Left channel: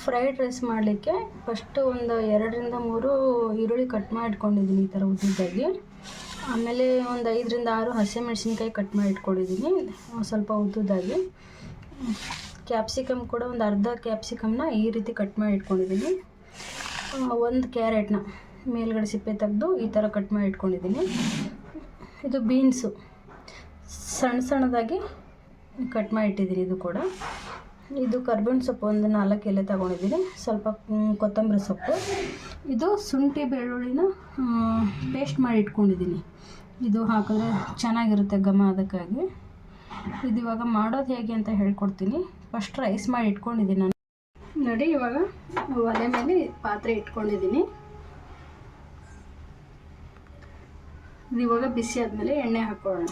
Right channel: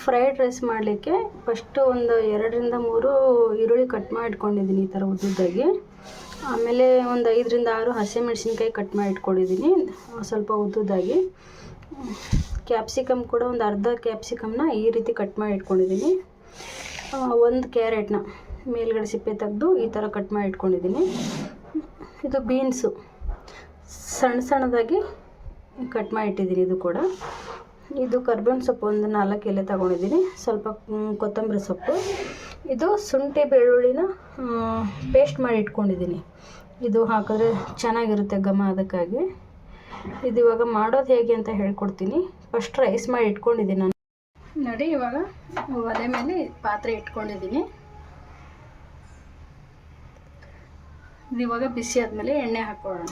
Fried rice ಮಾಡಲಿಕ್ಕೆ first ಒಂದು 2-3 ಈರುಳ್ಳಿ ಕಟ್ ಮಾಡಿ ಇಟ್ಕೊಂಡಿದ್ದೀನಿ ಈ ಥರ ಉದ್ದುದ್ದಾಗಿ. ಆಮೇಲೆ ಒಂದು 5-6 ಹಸಿಮೆಣಸಿನ್ಕಾಯಿ ಕಟ್ ಮಾಡಿ ಇಟ್ಕೊಂಡಿದ್ದೀನಿ ಸ್ವಲ್ಪ ಉದ್ದುದ್ದಾಗಿ. ಕ್ಯಾಪ್ಸಿಕಮ್ ಕೂಡ ಒಂದು ಅರ್ಧ ಕ್ಯಾಪ್ಸಿಕಮ್ನ ಈ ರೀತಿ ಕಟ್ ಮಾಡಿ ಇಟ್ಕೊಂಡಿದ್ದೀನಿ. ಒಂದು ಕ್ಯಾರೆಟ್ನ ಮೇಲ್ಗಡೆ ಸಿಪ್ಪೆ ತೆಗೆದು ಈ ಥರ ಕಟ್ ಮಾಡಿ ಇಟ್ಕೊಂಡಿದ್ದೀನಿ. ಇದು ಬೀನ್ಸು ಸಣ್ಣದಾಗಿ ಕಟ್ ಮಾಡಿ ಇಟ್ಟಿದ್ದೀನಿ. ಇದು ಕೂಡ ಇದು ಕರ್ಬೇವಿನ ಸೊಪ್ಪು ಒಂದು 4 ಎಲೆ ತಗೊಂಡಿದ್ದೀನಿ. ಸ್ವಲ್ಪ ಕೊತ್ತಂಬರಿ ಸೊಪ್ಪು. ಇದು ಶುಂಠಿ ಬೆಳ್ಳುಳ್ಳಿನ ಪೇಸ್ಟ್ ಮಾಡಿ ಇಟ್ಕೊಂಡಿದ್ದೀನಿ. ಇದು ಹಾಕಿದ್ರೆ ಚೆನ್ನಾಗಿರುತ್ತೆ ಘಮ, ಅದಕ್ಕಾಗಿ. ಇದು ಇವಾಗ ಮಾಡೋದು ಹೇಗೆ ಅಂತ ಹೇಳ್ಕೊಡ್ತೀನಿ. ಫಸ್ಟ್ ರೈಸ್ ಮಾಡಿ ಇಟ್ಕೊಂಡಿದ್ದೀನಿ ನಾನು. ನೋಡಿ, ಇವಾಗ ಒಲೆ ಮೇಲೆ ಪಾತ್ರೆ ಇಟ್ಕೊಂಡಿದ್ದೀನಿ. ಇದು ಇವಾಗ ಬಿಸಿ ಆದಮೇಲೆ ಎಣ್ಣೆ ಹಾಕೊಳ್ಳೋಣ.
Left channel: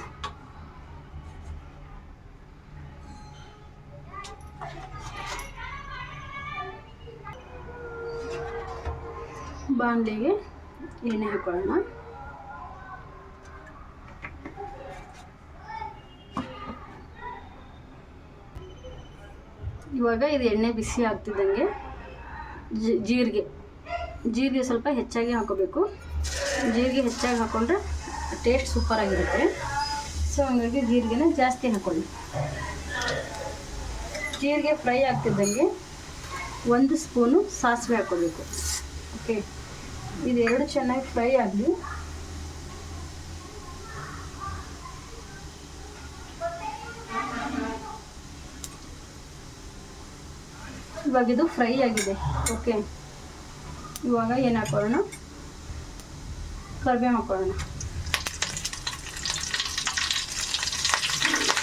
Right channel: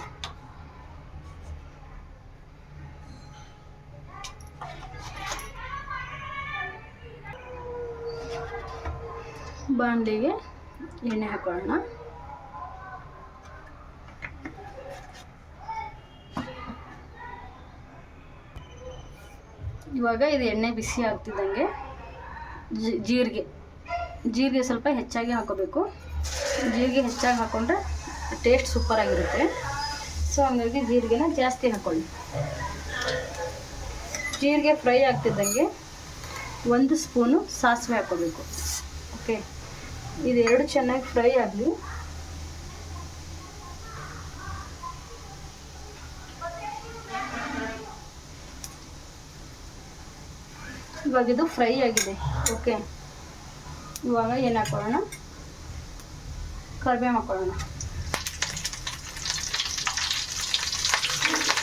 ಬಾಣಲೆಗೆ ಎಣ್ಣೆ ಹಾಕೊಳ್ಳೋಣ. ಇವಾಗ ಇದು ಎಣ್ಣೆ ಬಿಸಿ ಆಗ್ತಿದ್ದಂಗೆ ಜೀರಿಗೆ ಸ್ವಲ್ಪ ಹೆಚ್ಚಾಗಿ ಹಾಕೋಬೇಕು. ಜೀರಿಗೆ ಹೆಚ್ಚಾಗಿ ಹಾಕೊಂಡ್ರೆ ಟೇಸ್ಟ್ ಸೂಪರಾಗಿರುತ್ತೆ. ಸೊ ಹಂಗಾಗಿ ಜೀರಿಗೆನ ಜಾಸ್ತಿ ಹಾಕೊಳ್ಳಿ. ಜೀರಿಗೆ ಫ್ರೈ ಆಗ್ತಿದ್ದಂಗೆ 1 ಸ್ಪೂನು ಸಾಸಿವೆ ಹಾಕೋಬೇಕು. ಓಕೆ, ಇದೆರಡು ಚೆನ್ನಾಗಿ ಫ್ರೈ ಆಗಲಿ. ಇವಾಗ ಇದು ಫ್ರೈ ಆಗಿದೆ. ಓಕೆ, ಇವಾಗ ಏನು ಹಾಕೊಳ್ಳೋಣ, ಕರಿಬೇವು ಹಾಕೊಳ್ಳೋಣ.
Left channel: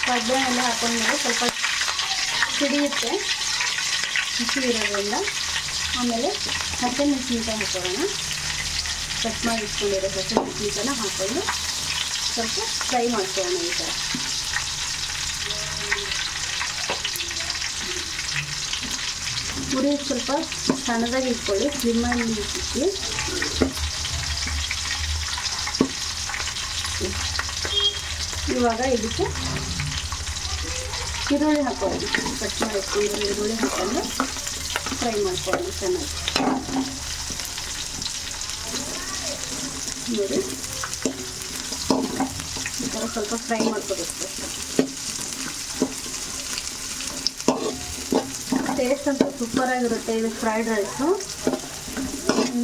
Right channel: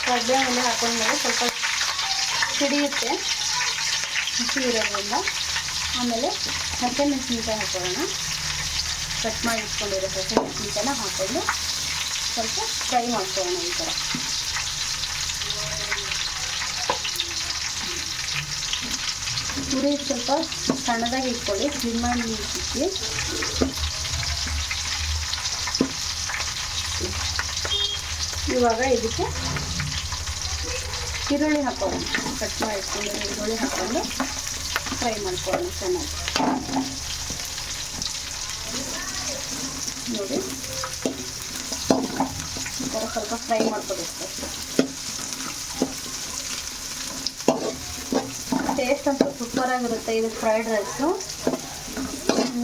ಕರಿಬೇವೆಲ್ಲ ಹಾಕೊಂಡ್ಮೇಲೆ ಸ್ವಲ್ಪ ಸಿಡಿಯುತ್ತೆ ಹಸಿ ಇರೋದ್ರಿಂದ. ಆಮೇಲೆ ಹಸಿಮೆಣಸಿನ್ಕಾಯಿ ಹಾಕೊಳ್ಳೋಣ. ಕಟ್ ಮಾಡಿ ಇಟ್ಕೊಂಡಿರೋ ಹಸಿಮೆಣಸಿನ್ಕಾಯಿನ ಹಾಕೊಂಡು ಸ್ವಲ್ಪ ಫ್ರೈ ಮಾಡ್ಕೊಳ್ಳೋಣ. ಈ ಥರ ಉರಿ ಸ್ವಲ್ಪ ಸಣ್ಣದಾಗಿ ಇಟ್ಕೊಳ್ಳಿ. ಸ್ಲಿಮ್ಮಲ್ಲಿ ಇಟ್ಟು ಇವಾಗ ಇದಕ್ಕೆ ಈರುಳ್ಳಿ ಹಾಕೊಳ್ಳೋಣ. ಕಟ್ ಮಾಡಿ ಇಟ್ಕೊಂಡು ಈರುಳ್ಳಿ ಹಾಕೊಂಡು ಫ್ರೈ ಮಾಡ್ಕೊಳ್ಳೋಣ ಚೆನ್ನಾಗಿ. ನೋಡಿ, ಈ ಥರ ಸ್ವಲ್ಪ ಫ್ರೈ ಮಾಡ್ಕೊಬೇಕು. ಟೇಸ್ಟ್ ಅಂತೂ ಸೂಪರಾಗಿರುತ್ತೆ ಇದು ಫ್ರೈಡ್ ರೈಸು.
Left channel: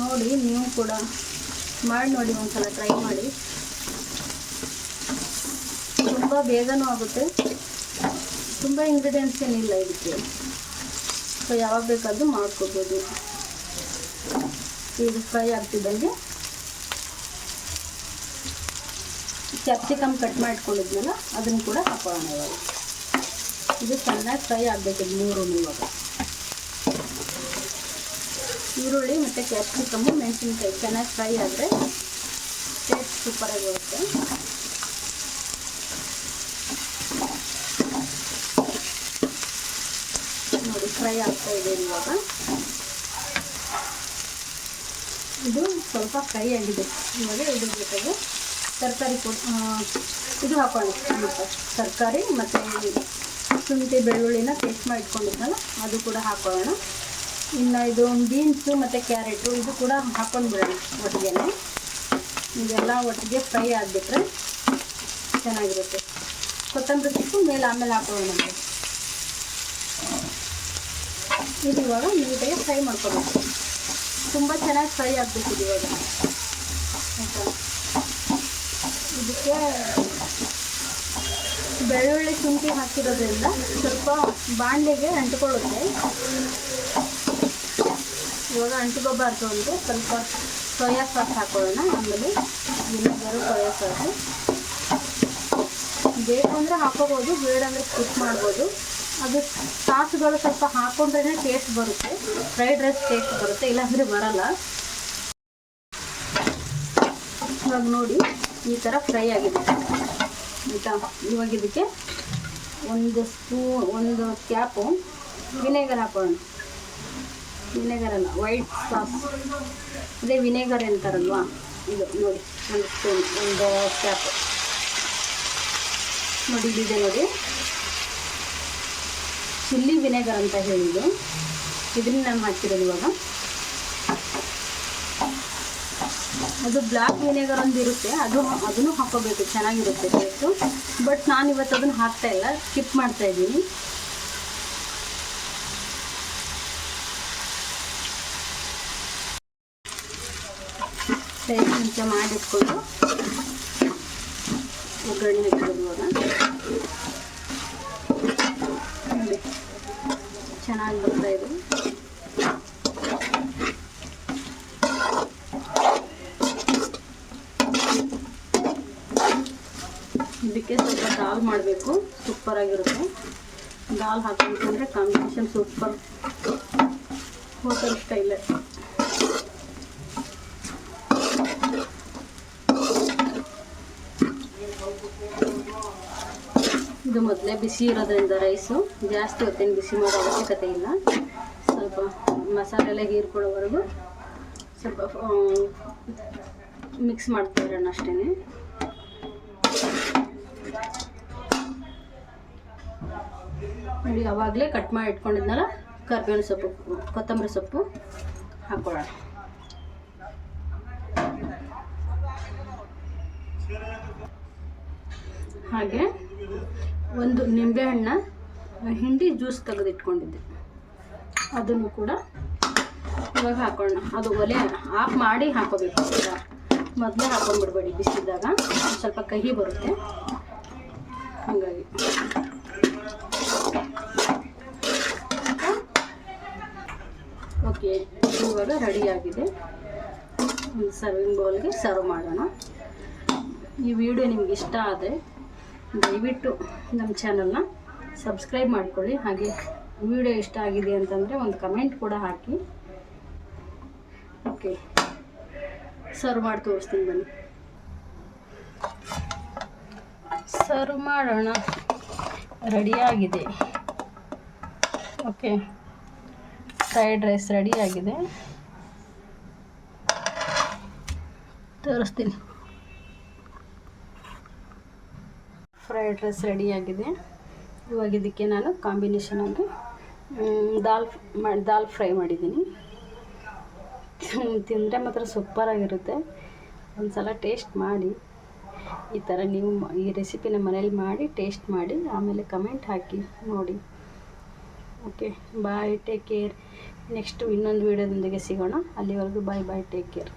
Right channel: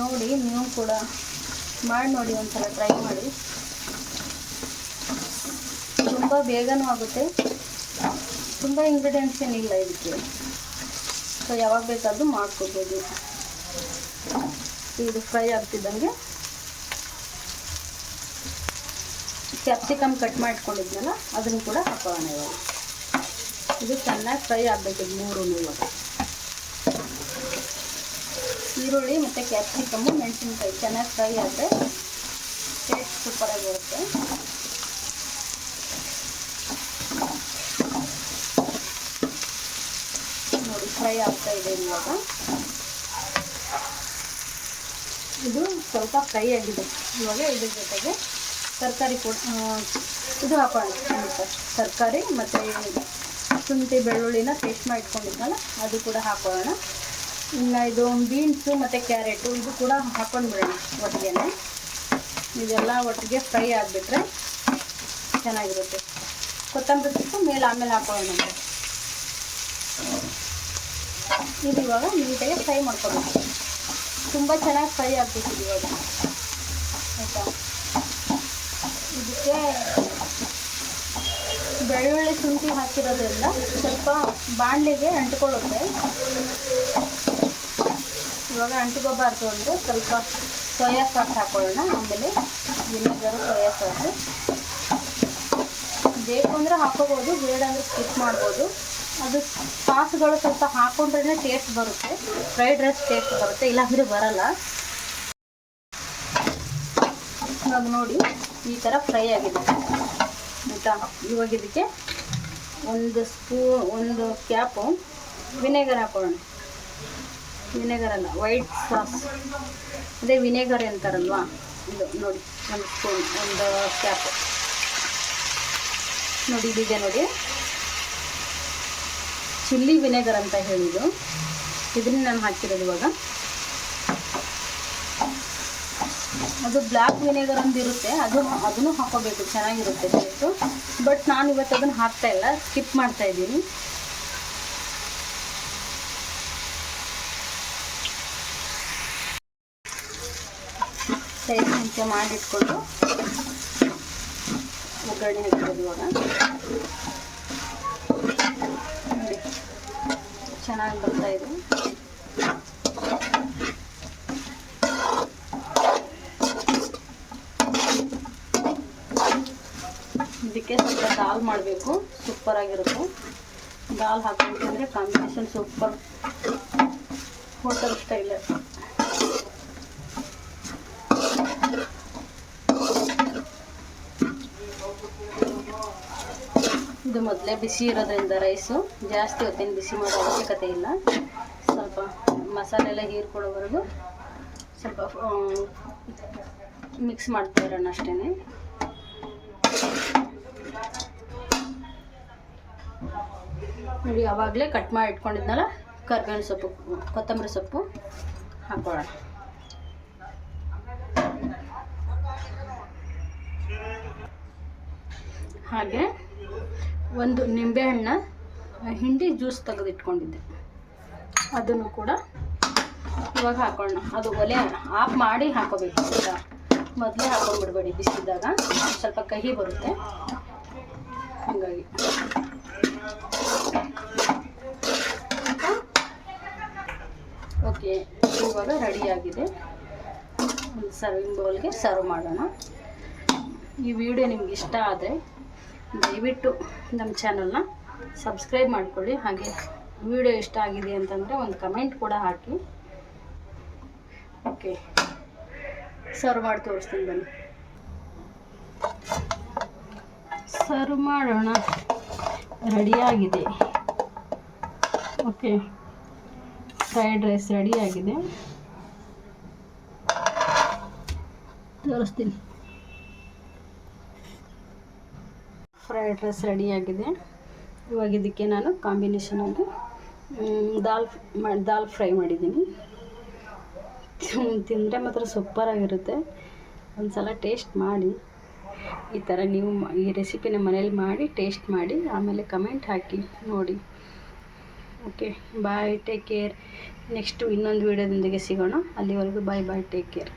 ನೋಡಿ, ನೀವು ಕೂಡ ಮಾಡಿ ನೋಡಿ, ಒಂದ್ಸಲ ಟ್ರೈ ಮಾಡಿ. ತುಂಬ ಬೇಗನೂ ಆಗುತ್ತೆ. ತುಂಬ ಇಂಗ್ರೀಡಿಯೆಂಟ್ಸ್ ಏನಿಲ್ಲ ಇದಕ್ಕೆ. ಸೊ ಯಾವಾಗ ಬೇಕಾದರೂ ಮಾಡ್ಕೋಬೋದು. ಇದು ಫ್ರೈ ಆಗ್ತಿದ್ದಂಗೆ ಕ್ಯಾಪ್ಸಿಕಮ್ ಕಟ್ ಮಾಡಿಟ್ಕೊಂಡಿದ್ನಲ್ಲ ಅದನ್ನು ಕೂಡ ಹಾಕೋಣ. ಇವಾಗ ಇದು ಚೆನ್ನಾಗಿ ಫ್ರೈ ಆಗಬೇಕು. 3 ಇವಾಗ ಈರುಳ್ಳಿ ಮತ್ತು ಕ್ಯಾಪ್ಸಿಕಮ್ಮು ಮೆಣಸಿನ್ಕಾಯಿ ಚೆನ್ನಾಗಿ ಫ್ರೈ ಆದರೆ ಟೇಸ್ಟ್ ಸೂಪರಾಗಿರುತ್ತೆ. ನೋಡಿ, ಫ್ರೈ ಆಗ್ತಾ ಇದೆ. ಇವಾಗ ಇದು ಸ್ವಲ್ಪ ಫ್ರೈ ಆಗಿದೆ. ಇವಾಗ ಇದ್ರ ಜೊತೆಗೆ ತರಕಾರಿ ಇದು ಹಾಕೊಳ್ಳಿ. ತರಕಾರಿ ಮತ್ತು ಶುಂಠಿ ಬೆಳ್ಳುಳ್ಳಿನ ಪೇಸ್ಟ್ ಮಾಡಿ ಇಟ್ಕೊಂಡಿದ್ನಲ್ಲ ಅದು ಕೂಡ ಹಾಕೊಳ್ಳೋಣ. ಇನ್ನು ಇದು ಬೀನ್ಸು ಮತ್ತು ಕ್ಯಾರೆಟು ಇದು ಕೂಡ ಹಾಕೊಂಡ್ಬಿಡೋಣ ಒಟ್ಟಿಗೆ. ಇದೆಲ್ಲ ಒಟ್ಟಿಗೆ ಫ್ರೈ ಆಗಿಬಿಟ್ರೆ ಚೆನ್ನಾಗಿರುತ್ತೆ. ಕೊತ್ತಂಬರಿ ಸೊಪ್ಪು ಮೇಲೆ ಆಮೇಲೆ ಹಾಕೊಳ್ಳೋಣ. ಇದು ಇವಾಗ ನೀಟಾಗಿ ಫ್ರೈ ಮಾಡ್ಕೊಬೇಕು. ತುಂಬ ಚೆನ್ನಾಗಿ ಫ್ರೈ ಆಗಬೇಕಿದೆ ಇವಾಗ. ಆಯಿತಾ? ಇದಕ್ಕೆ ಬೆಳ್ಳುಳ್ಳಿ ಶುಂಠಿ ಹಾಕಿರೋದ್ರಿಂದ ಸ್ವಲ್ಪ ಬಾಣಲೆಗೆ ಅಂಟ್ಕೊಳ್ಳುತ್ತೆ. ಇವಾಗ ಅಂಟ್ಕೋಬಾರ್ದು ಅಂದರೆ ಸ್ವಲ್ಪ ಸೋಯಾ ಸಾಸ್ ಹಾಕೊಳ್ಳೋಣ. ಆಮೇಲೆ ವಿನೆಗರು, ಸೋಯಾ ಸಾಸು ಬೇಕು ಅಂದರೆ ಹಾಕೋಬೋದು, ಬೇಡ ಅಂದರೆ ಸ್ಕಿಪ್ ಮಾಡ್ಬೋದು. ಅದು ಸಾಸುಗಳು ಸ್ವಲ್ಪ ಹಾಕೊಂಡ್ರೇ ಟೇಸ್ಟ್ ಬರುತ್ತೆ, ಫ್ರೈಡ್ ರೈಸ್ ಟೇಸ್ಟ್ ಬರುತ್ತೆ, ಇಲ್ಲಾಂದರೆ ಬರಲ್ಲ. ಇವಾಗ ನೋಡಿ, ಈ ಥರ ಫ್ರೈ ಆಗಿದೆ ಆಯಿತಾ. ಇವಾಗ ಇದಕ್ಕೆ 1 ಕ್ಯಾಪು ವಿನೆಗರ್ ಹಾಕೊಳ್ಳೋಣ. ವಿನೆಗರ್ ಅಲ್ಲ, ವೈಟ್ ಸಾಸ್, ಅದೇ ವಿನೆಗರ್ ಅಂತಾರಲ್ವ, ಇದು ನೋಡಿ 1 ಸ್ಪೂನ್, 1 ಕ್ಯಾಪು ನೋಡಿ. ಇದಿದೆ ನೋಡಿ, ಚಿಲ್ಲಿ ವಿನೆಗರ್ ಅಂತ ಹೇಳಿದ್ದು. ಇದನ್ನ ನಾನು ಹಾಕಿರೋದು ಇವಾಗ. ಅದು ಬ್ಲ್ಯಾಕ್ ವಿನೆಗರ್ ಒಂದು ಇರುತ್ತೆ, ಅದನ್ನು ಹಾಕೋಬೇಕು, ಚೆನ್ನಾಗಿರುತ್ತೆ ಟೇಸ್ಟು. ಬಟ್ ನಾನು ಇವತ್ತು ಅದನ್ನು ಹಾಕ್ತಾ ಇಲ್ಲ, ಸ್ಕಿಪ್ ಮಾಡ್ತಾ ಇದ್ದೀನಿ. ಸೈಡ್ ಮುಂಚೆ ಮಾಡಿಟ್ಕೊಂಡು ಒಗ್ಗರಣೆ ಹಾಕಿರೋದು ಇವಾಗ. ನೋಡಿ ಚೆನ್ನಾಗಿ ಬರ್ತಾ ಇದೆ. ಇದಕ್ಕೆ ಸ್ವಲ್ಪ ದಾಲ್ ಮಾಡಬೇಕು, ಸೂಪರಾಗಿರುತ್ತೆ. ದಾಲ್ ಹಾಕಬೇಕಂದ್ರೆ ಕಾಂಬಿನೇಷನ್ ಸೂಪರ್, ಹೋಟೆಲ್ ಸ್ಟೈಲ್. ಇದು ಮೊದಲೇ ಬಿಸಿ ಇರೋದ್ರಿಂದ ರೈಸು ಜಾಸ್ತಿ ಹೊತ್ತೇನು ಬಿಸಿ ಮಾಡೋ ಅವಶ್ಯಕತೆ ಇಲ್ಲ. ಸ್ವಲ್ಪ ಮಸಾಲೆ ಎಲ್ಲ ಹೀರ್ಕೊಳ್ಳೋವರೆಗೂ ಸ್ವಲ್ಪ ಮಿಕ್ಸ್ ಮಾಡ್ತಾ ಇರೋಣ ಅಷ್ಟೇ. ನೋಡಿ ಆವಾಗಲೇ ಕಟ್ ಮಾಡಿ ಇಟ್ಕೊಂಡಿದ್ನಲ್ಲ ಕರಿಬೇವಿನ ಸೊಪ್ಪು, ಕೊತ್ತಂಬರಿ ಸೊಪ್ಪು ಹಾಕೊಳ್ಳೋಣ. ಹಾಗೆ ಒಂದು ನಿಂಬೆಹಣ್ಣ ಹಿಂಡಿ ಜ್ಯೂಸ್ ತೆಗೆದಿಟ್ಕೊಂಡಿದ್ದೆ, ಅದನ್ನು ಕೂಡ ಇವಾಗ ಹಾಕೊಳ್ಳೋಣ. ಅದು ಒಲೆ ಆಫ್ ಮಾಡಿ ಹಾಕೋಬೇಕು, ಮೊದಲೇ ಹಾಕೊಂಡ್ಬಿಡ್ಬೇಡಿ, ಬಿಸಿದಾಗ ಸ್ವಲ್ಪ ಕಹಿ ಬರುತ್ತೆ. ಹಾಗಾಗಿ ಓಕೆ, ಇವಾಗ ರೆಡಿಯಾಗಿದೆ. ಒಂದು ಸರ್ವಿಂಗ್ ಬೌಲ್ಗೆ ಸರ್ವ್ ಮಾಡೋಣ. ಈ ವಿಡಿಯೋ ನಿಮ್ಗೆ ಇಷ್ಟ ಆದರೆ ದಯವಿಟ್ಟು ನಮ್ಮ ಚಾನಲ್ನ ಸಬ್ಸ್ಕ್ರೈಬ್ ಮಾಡ್ಕೊಳ್ಳಿ. ಹಾಗೆ ವಿಡಿಯೋ ಇಷ್ಟ ಆಗಿದೆ ಅಂತಂದರೆ ಒಂದು ಕಮೆಂಟ್ ಕೂಡ ಹಾಕಿ. ಓಕೆ, ಸರ್ವ್ ಮಾಡಿ ತೋರಿಸ್ತೀನಿ ಬನ್ನಿ. ಸರ್ವ್ ಮಾಡೋಣ. ರೆಡಿಯಾಗಿದೆ. ಓಕೆ, ಫ್ರೈಡ್ ರೈಸ್ ರೆಡಿಯಾಗಿದೆ, ತೋರಿಸ್ತೀನಿ. ಫ್ರೈಡ್ ರೈಸ್ ರೆಡಿಯಾಗಿದೆ. ಇವಾಗ ಇದಕ್ಕೆ ನಾನು ಕಾಂಬಿನೇಷನ್ ಆಗಿ ದಾಲ್ ಫ್ರೈ ಮಾಡಿದ್ದೀನಿ. ತಿಂದರೆ ಮಾತ್ರ ಸೂಪರಾಗಿರುತ್ತೆ. ಒಂದು ಸಲ ಟೇಸ್ಟ್ ಮಾಡಿ. ಈ ಥರ ನೀವು ಈ ರೆಸಿಪಿನ ಮನೇಲಿ ಮಾಡಿ ಟೇಸ್ಟ್ ಮಾಡಿ, ಆಮೇಲೆ ಕಮೆಂಟ್ ಹಾಕಿ ನೋಡಿ. ಓಕೆ, ಬಾಯ್, ಟೇಕ್ ಕೇರ್. ನೆಕ್ಸ್ಟು ಇನ್ನೊಂದು ವೀಡಿಯೋದೊಂದಿಗೆ ಸಿಗೋಣ. ಅಲ್ಲಿವರೆಗೂ ಬಾಯ್ ಬಾಯ್, ಟೇಕ್ ಕೇರ್.